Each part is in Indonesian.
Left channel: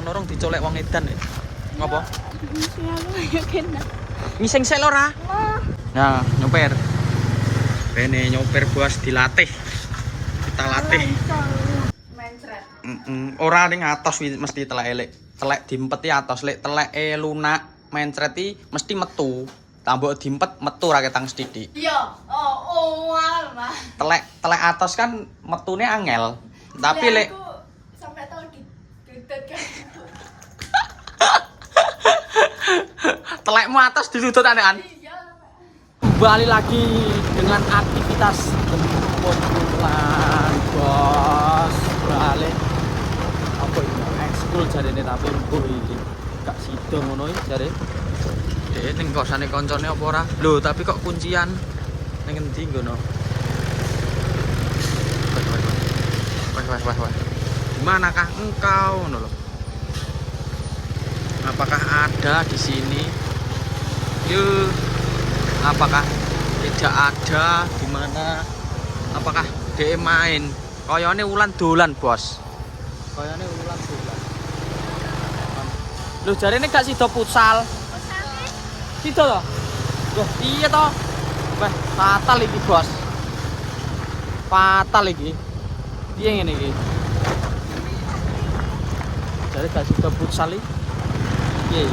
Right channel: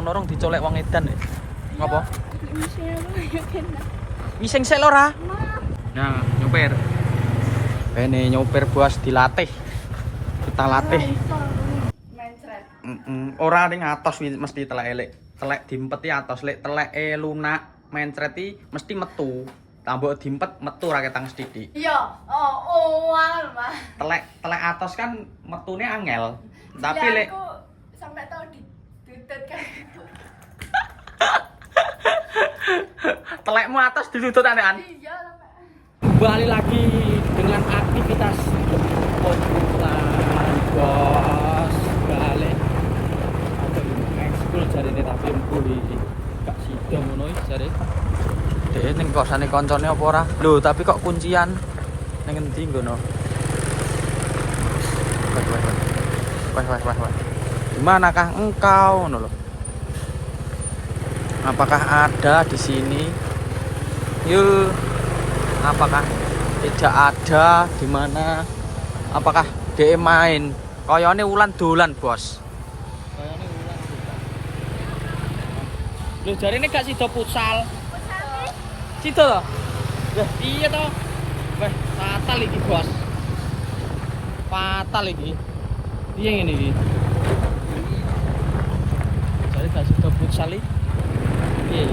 Norong dicolek wong edan ya. Ngapa? Kena. Ngising sik lho ora? Nah, nyopir. Rene nyopir bos dilatih. Kita latih. Mencret. Ora ning atos mesti telek elek. Telek diempeti atos lek teleke lunak mencreti mesti metu. Tambok diempet metu ra ketang sithik. Iya. Oh, angel, Mas. Telek atos kan metune angel. Tapi lek aku sampai tahu didudut kan. telekmu atas disudut anean. Iya. Kembali lagi dengan aktivitas pembulan bos balik apa ini mau ekskul jari ini tapi gak sido ngono jari deh ning kosane koncone apa ora lho tapi kok kuncian ning endi ngono wah dimanakah engkau ngono lho apakah ada di sini yuk apakah tidak ada di mana apakah dia main koyone ulan dolan bos koyone ulan dolan lu jari ini gak sido futsal sido toh wah iya toh wah fatal iki bos fatal iki iya ngene iki jari gak sido futsal iki iya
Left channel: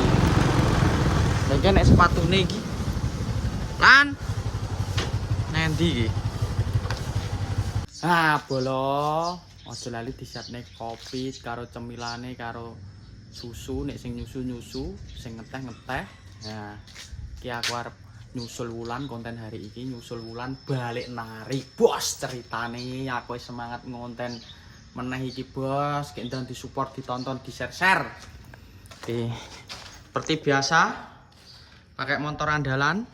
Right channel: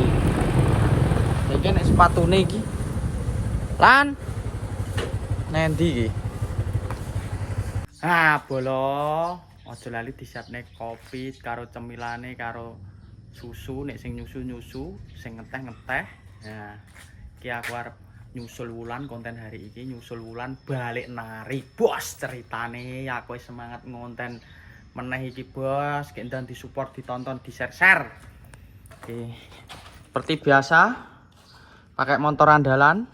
iki nek sepatune iki lan nendi iki ah bolo aja lali disiapne kopi karo cemilane karo susu nek sing nyusu sing ngeteh ya iki aku arep nyusul wulan konten hari iki nyusul wulan balik nari bos ceritane aku semangat ngonten meneh iki bos kendang disupport ditonton di share oke seperti biasa pakai motor andalan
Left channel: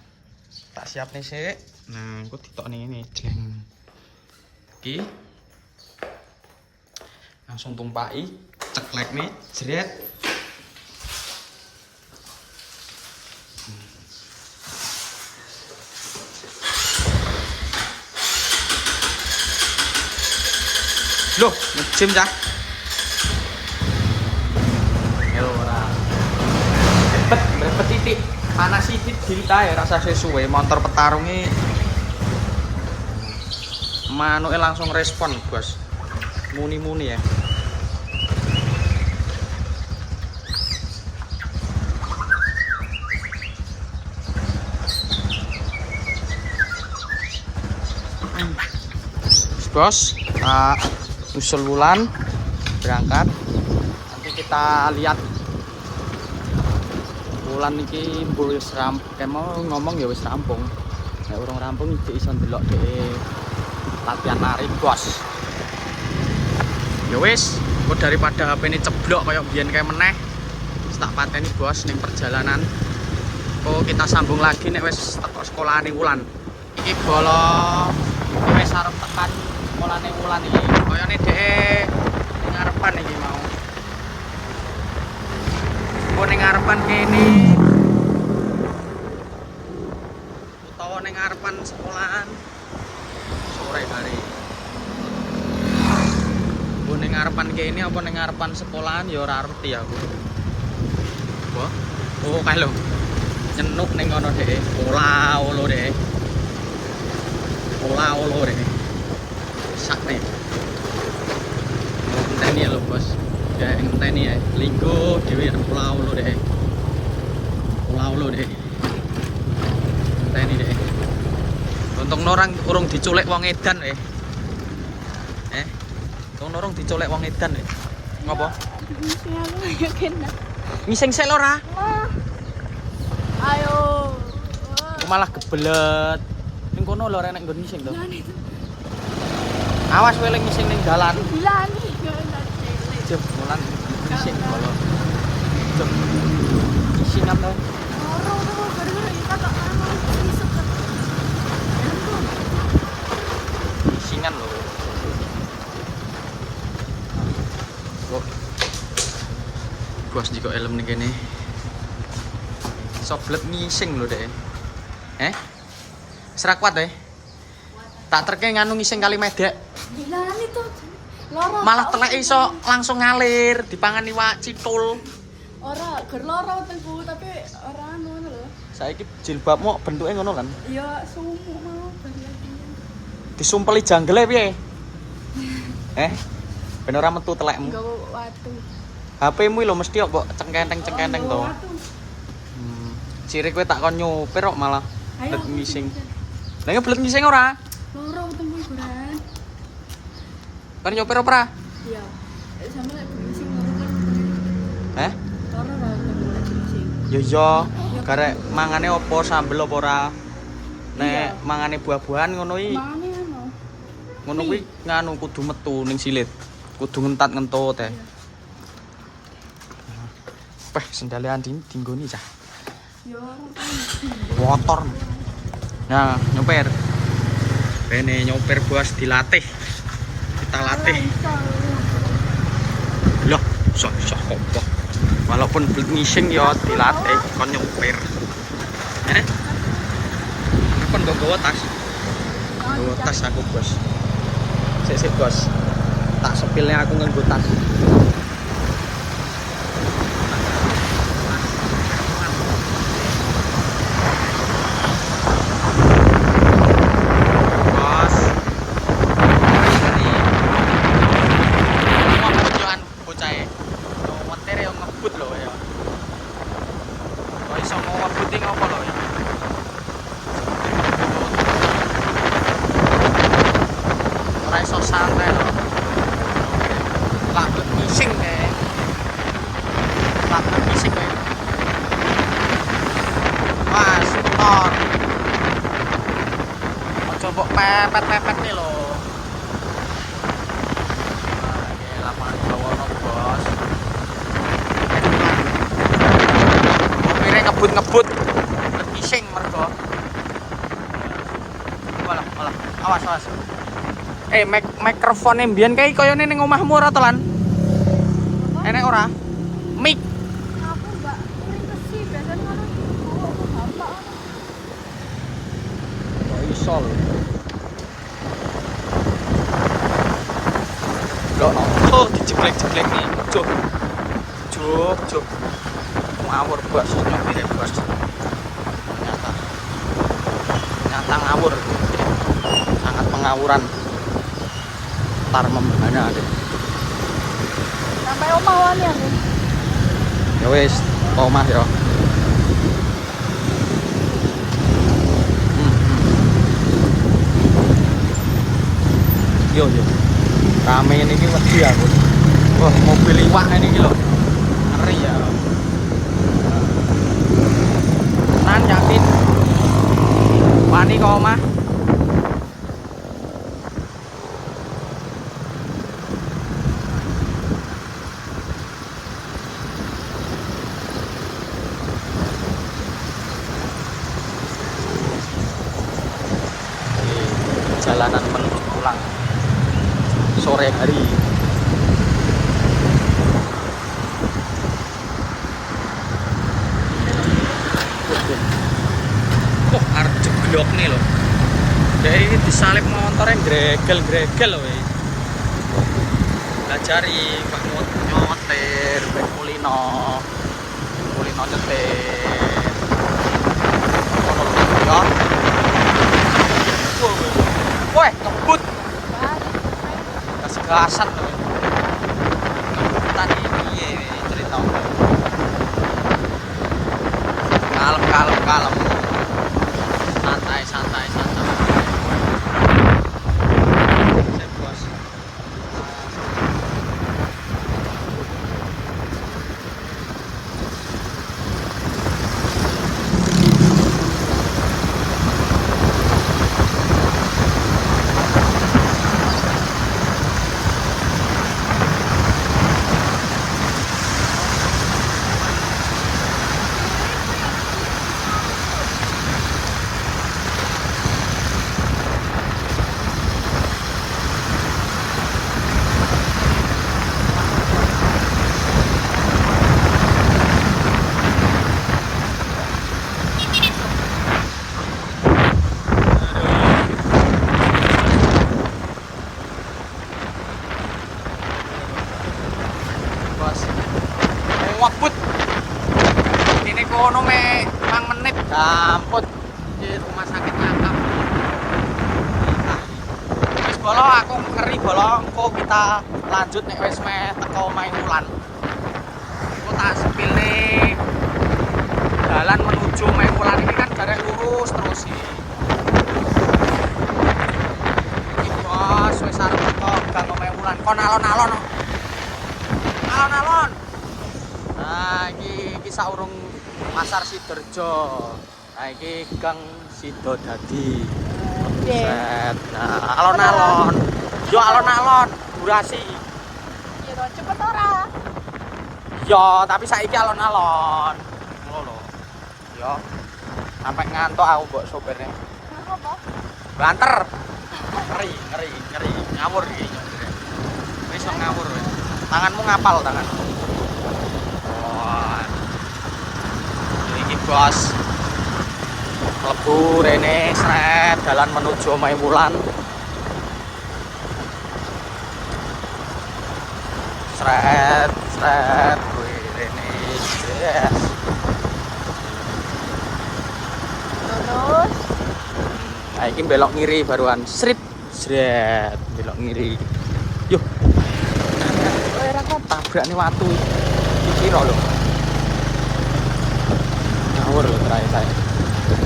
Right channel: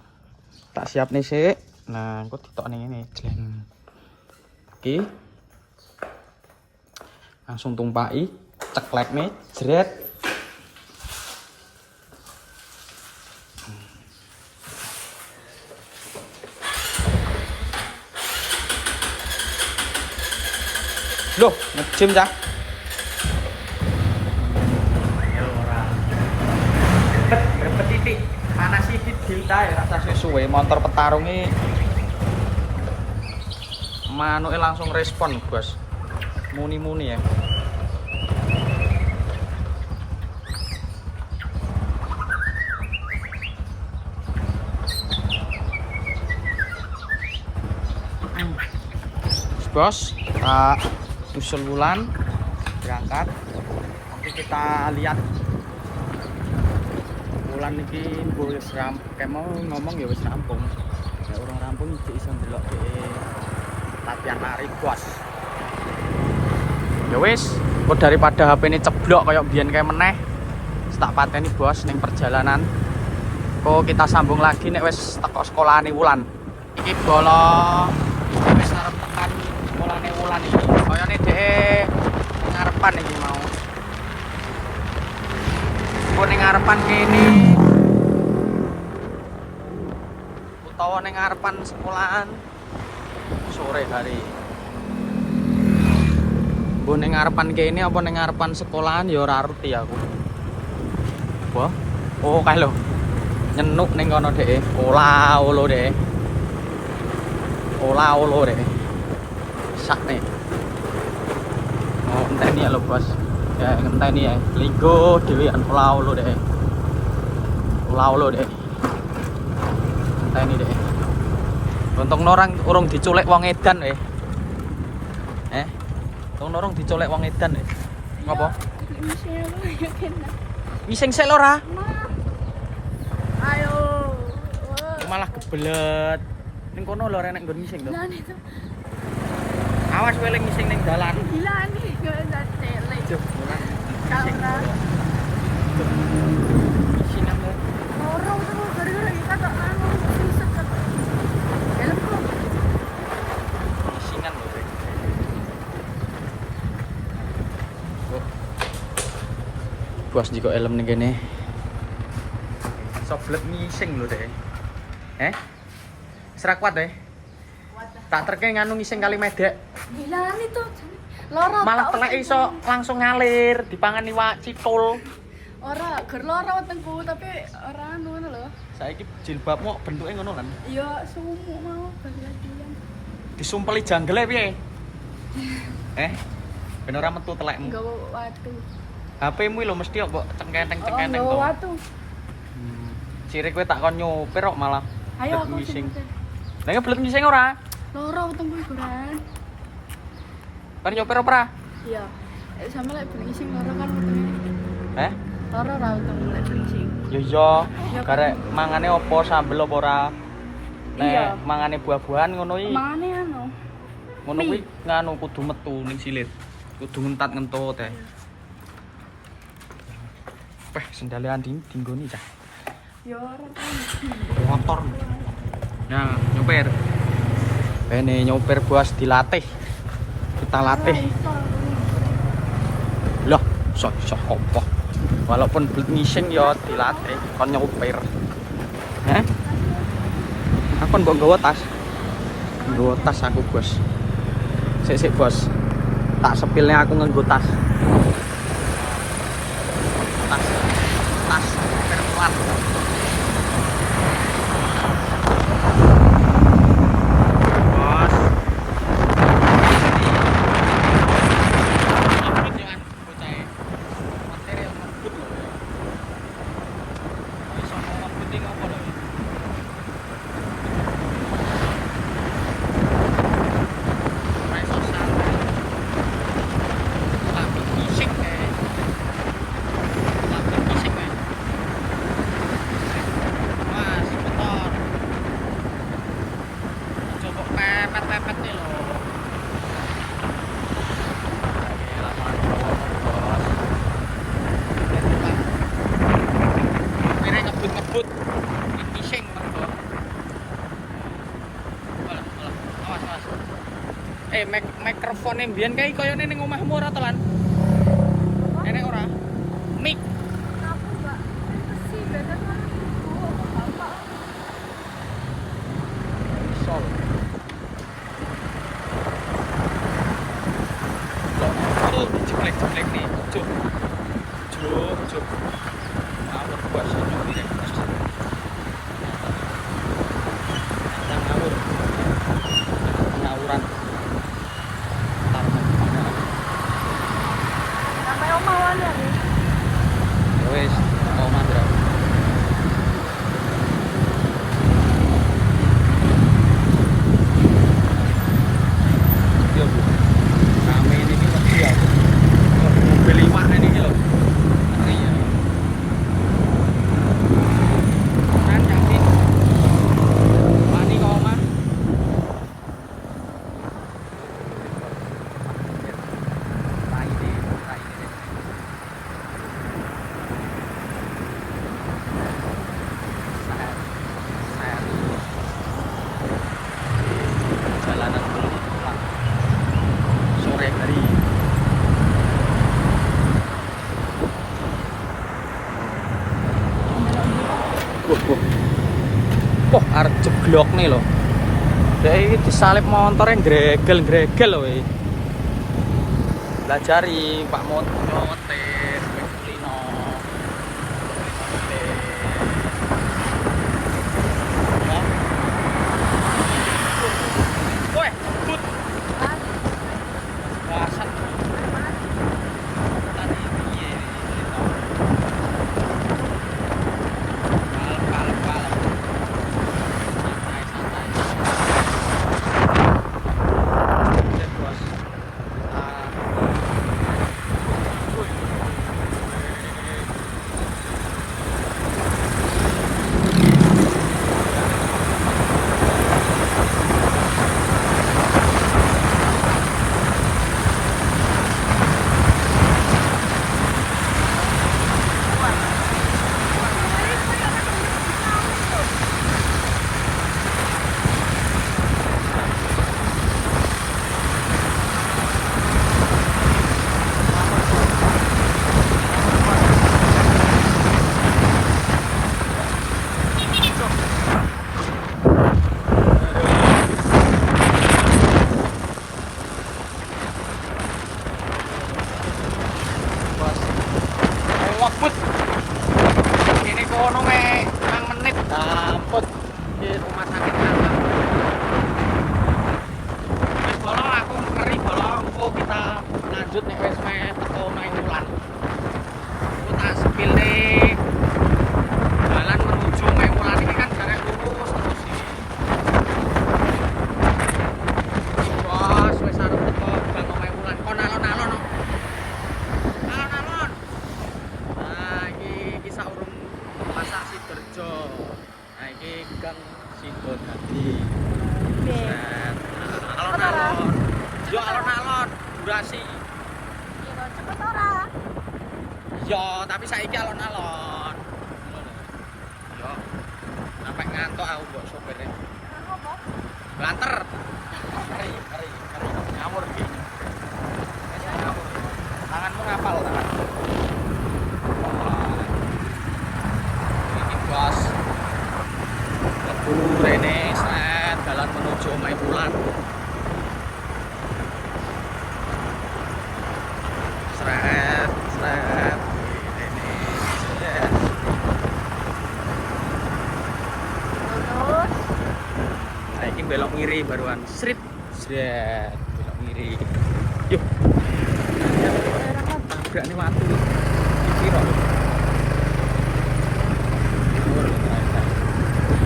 tak siap nih sih nah aku ditok nih ini jeng oke langsung tumpaki ceklek nih jeret loh ngejim cah yo ora repet titik panas sipit kita ya rasa sesuai motor petarungi manuke langsung respon bos muni ya bos tak usul wulan berangkat nanti kita lihat wulan iki mbuh wis mau ngomong ya wis rampung nek urung rampung iki iso ndelok latihan nari bos ya wis kok daripada HP ini ceblok kayak biyen kayak meneh tak pateni bos ning perjalanan kok kita sambung lagi nek wis teko sekolahane wulan iki bolo wis arep tekan sekolahane wulan iki kayane dhek ngarepan iki mau kok ning ngarepan kene utawa ning ngarepan sekolahan sore hari kok ning ngarepan kene apa ning ngarepan sekolahan ya ora ngerti aku wah oh kae lho nyenuk ning kono dhek ola-olo dhek ola-olo dhek sak nih oh enteni ya lho bos ya ngenteni ya linggo dhewean ola-olo dhek enteni dhek untung orang urung diculik wong edan untung orang diculik wong edan ngapa ngising sik lho ora Ayo. malah gebelet ning kono lho rek nek nggon ngising lho awas kowe lek ngising ning dalan Lan yo ndak telek. Cuk, mulan ngising lho Cuk, ngising kamu Ora gara-gara kita tok anu isep tok. Helmku. ngisingan lho bos jiko helm ning kene soblet ngising lho dek Serak kuat tak terke nganu ngising kali medek Lan itu Loro. Malah tak telek wetengku. iso langsung ngalir dipangan iwak citul. Ora, ger loro wetengku tapi ora anu ngono lho. Saiki jilbabmu bentuknya ngono kan. Ya sumuk mau bar latihan. Disumpeli janggele piye? Ben ora metu telekmu. Nggawa watu. HP-mu lho mesti kok mbok cengkenteng-cengkenteng to. Oh, watu. Ciri kowe tak kon nyopir kok malah Ayo blet aku ngising. sing- Lah ngeblet ngising ora? Loro wetengku iku ran. Kan nyopir ora? Iya. Sama lek berising loro kan wetenge. Loro ra wetengku lek berising. Ya iya, karek mangane opo sambel opo ora? Iya. Nek mangane buah-buahan ngono iki. Mane anu. Ngono kuwi nganu kudu metu ning silit. Kudu ngentat ngentut teh. Peh sendale Andin dinggoni cah. Ya ora Motor. Nah, nyopir. Rene nyopir bos dilatih. Kita latih. Lah, iso apa? Walaupun blet ngising ya dilatih kon nyopir. Aku mbok nggawa tas. Nggawa tas aku, Bos. Sik Bos. Tak sepilnya aku nganggo tas. Bos. Tujuan bocah e. Montir yo ngebut lho ya. Kok iso ngebut iki ngopo lho ya. Ora iso santai lho. Lakuk ngising kae. Lakuk ngising kae. Mas, motor. Coba pepet-pepet nih lho. Mobilnya ngebut-ngebut, ngising mergo. Walah, awas. Mikrofone mbiyen kae koyone ning omahmu ora to lan? Enek ora? Mik. Aku enggak sih biasanya aku gampang. Iso lho. Oh, dijeglek-jeglek nih. Cuk. Ngawur bos nyopirnya bos. Ternyata ngawur. Sangat pengawuran. Tar membana. Sampai omah wani ya. Ya wis, omah ya. Yo. Rame ini ki wedi aku. Wah, mobil iwak ini ki lho. Ngeri ya. Kan yakin. Wani kok omah. Jalanan menuju pulang sore hari. Wah, arep jeglok nih loh. Kayak ini disalip motornya gregel loh ini. Belajari Pak nyotir, ben kulino nyetir. Ya. Woi, ngebut. Masih kelasan. Tadi piye cerita. Kalem. Santai. ngebut. Ini kono me 5 menit gamput di rumah sakit Ngantang. Wis bolo aku ngeri bolo kok kita lanjut nek wis me teko omahe Wulan. Aku tak sepil nih. Jalan menuju omahe Wulan ini kan jarak lurus terus iki. Iki bos wis arep teko gang omahe Wulan. Kon alon-alon no. Alon-alon. Nah, iki saurung Pasar Sidoarjo. Nah, iki Gang Sidodadi. Set. Nah, alon-alon. Yo alon-alon, durasi. Yo cepet ora. Yo, tapi saiki alon-alon. Ngono lho. Yo. Sampai ngantuk aku mbok sopirnya. Apa? Banter. Ngeri. Ngawur iki. Wis ngawur. Tanganmu ngapal tangan. Iki bos. Lebu rene set jalan menuju omahe Wulan. Sret. Rene. Terus Nah, iki belok ngiri baruan. Srit. Belok ngiri. Yuh. Tabrak nih watu. Kira lho. Ngawur lho terakhir saya.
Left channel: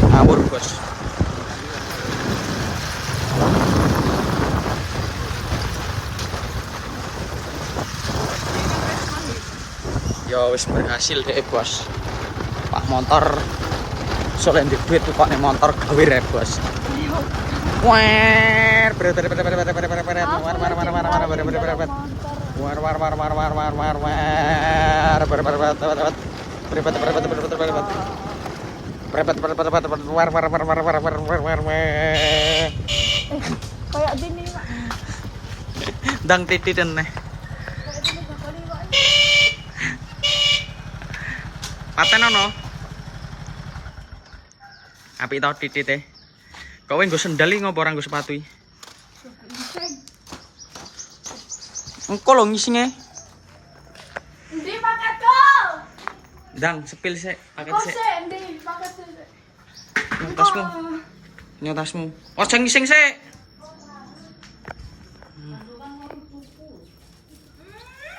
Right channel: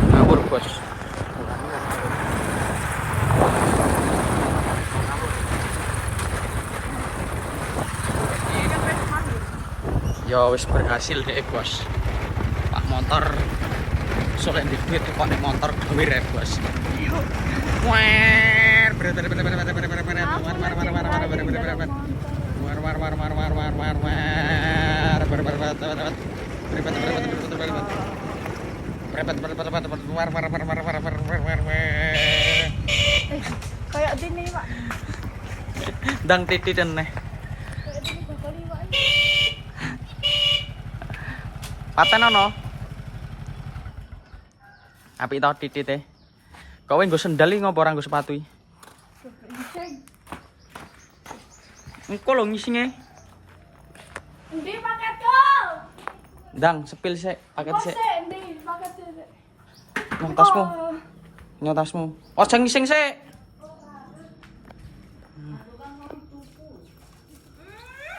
Ngawur bos. Yo wis berhasil deh bos. Pak motor soalnya di duit kok nih motor gawir ya bos. kayak gini, Pak. Dang titit neh. Kayak gini bakal liwat. Paten ono. Apik tau titite. Kowe nggo sendal iki ngopo ora nggo sepatu iki? Engko lho ngisinge. Endi paketku? Dang sepil sik, paket Kok sik. sih endi paketku? Nang tasmu. Nang tasmu. Ojo ngising sik.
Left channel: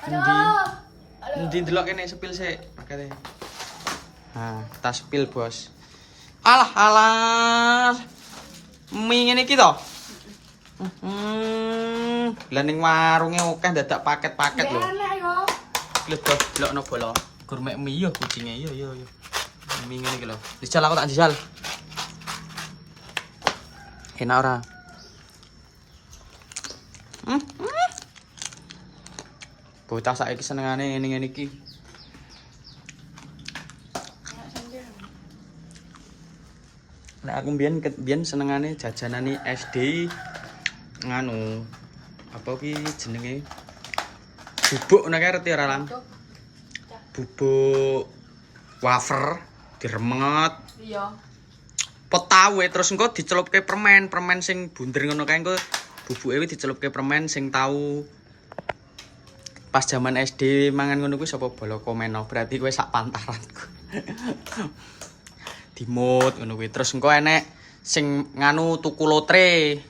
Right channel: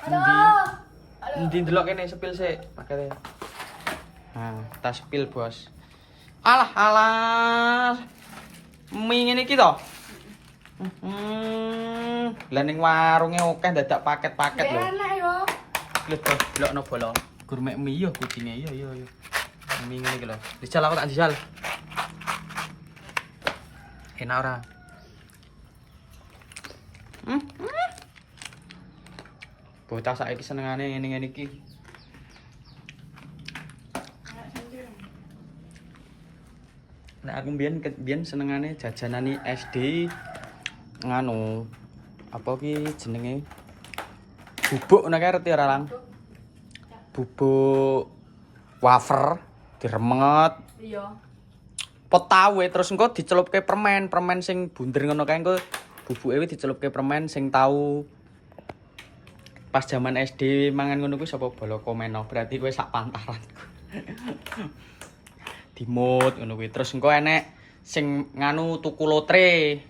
Aduh. Endi ndelok kene sepil sik pakete. Nah, tas sepil, Bos. Alah. Mie ngene iki to. Lah ning warunge akeh dadak paket-paket lho. Enak yo. Lho, Bos, delokno bolo. Gourmet mie yo kucinge yo. Mie ngene iki lho. Dijal aku tak dijal. Enak ora? Bocah saiki senengane ngene-ngene iki. Nek aku mbiyen senengane jajanane SD nganu apa ki jenenge bubuk nek ngerti ora Lang? Bubuk wafer diremet. Iya. Petawe terus engko dicelupke permen sing bunder ngono kae engko bubuke kuwi dicelupke permen sing tau pas zaman SD mangan ngono kuwi sapa bolo komeno berarti kowe sak pantaranku. Dimut ngono kuwi terus engko enek sing nganu tuku lotre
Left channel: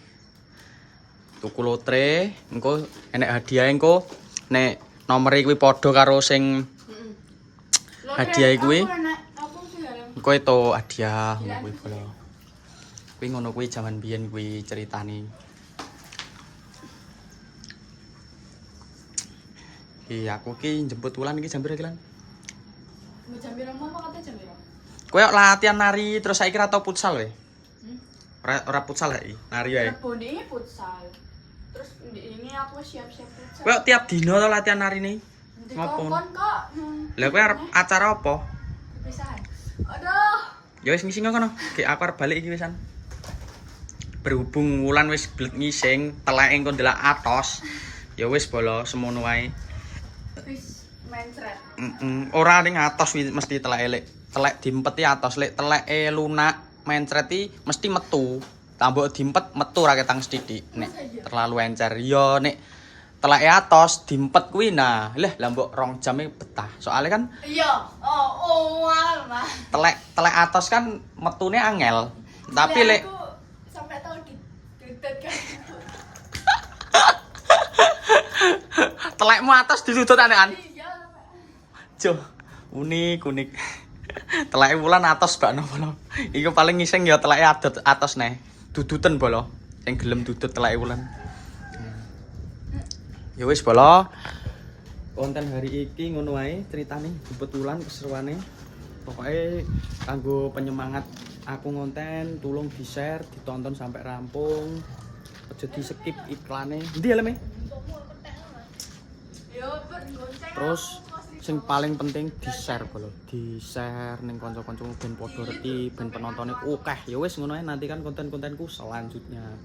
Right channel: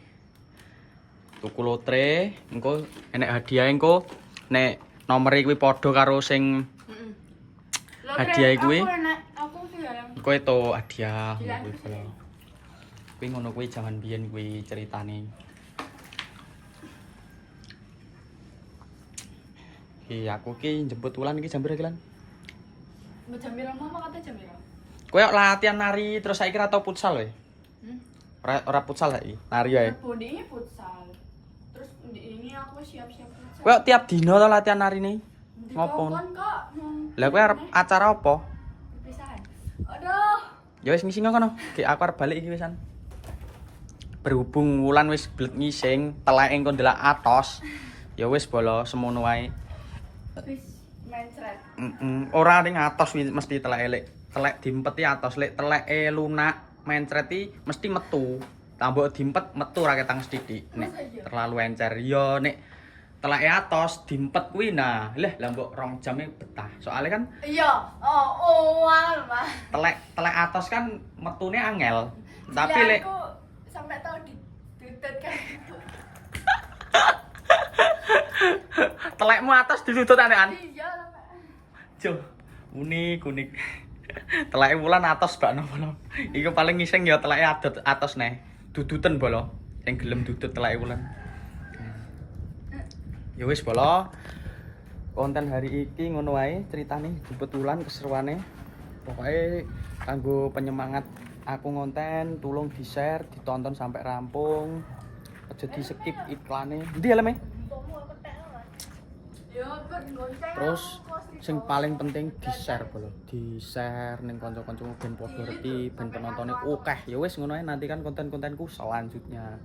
engko enek hadiah engko nek nomere kuwi padha karo sing hadiah kuwi engko itu hadiah ngono kuwi bolo kuwi ngono kuwi jaman biyen kuwi ceritane. Iki aku ki jemput Wulan iki jam pira iki Lan? Jam pira mau kate jam pira? Kowe latihan nari terus saiki ora tau futsal we. Ora futsal saiki, nari ae. Bondinge futsal. Terus ini aku siap-siap futsal. Kowe tiap dino to latihan narine? Ngopo? Kok. Lah kowe arep acara apa? Perpisahan. Aduh. Ya wis ngising kono. Ki aku arep balik iki wisan. Berhubung Wulan wis blet ngising, teleke engko ndelok atos. Ya wis bolo semono wae. Wis mencret. Ora ning atos mesti telek elek. Telek diempeti atos lek teleke lunak mencreti mesti metu. Tambok diempet metu ra ketang sithik nek terlalu encer. Ya nek teleke atos diempet kuwi nah. Lah mbok 2 jam betah. Soalnya kan Iya, oh, mah. telek atos kan metune angel. Tapi lek aku sampai tahu ditutut kan. telekmu atos ditutut anekan. Iya, sampai. Cuh, unik. Teleke wulan atos bak nopo lho. Iku paling ngising ya teleke atos neh. Duduten bolo. Sing gelem dudut teleke wulan. Ya wis bolo. Konten hari iki ngono wae ceritane kebetulan keseruane. Pokoknya kanggo penyemangat aku ngonten, tolong di-share, ditonton sampai rampung. Aja di-skip iklane. Endi ya leme? Terus sing paling penting di-share bolo. Di-share ning kanca-kancamu ben padha reti, ben penontone akeh. Ya wis ngono ae nantikan konten-kontenku selanjutnya.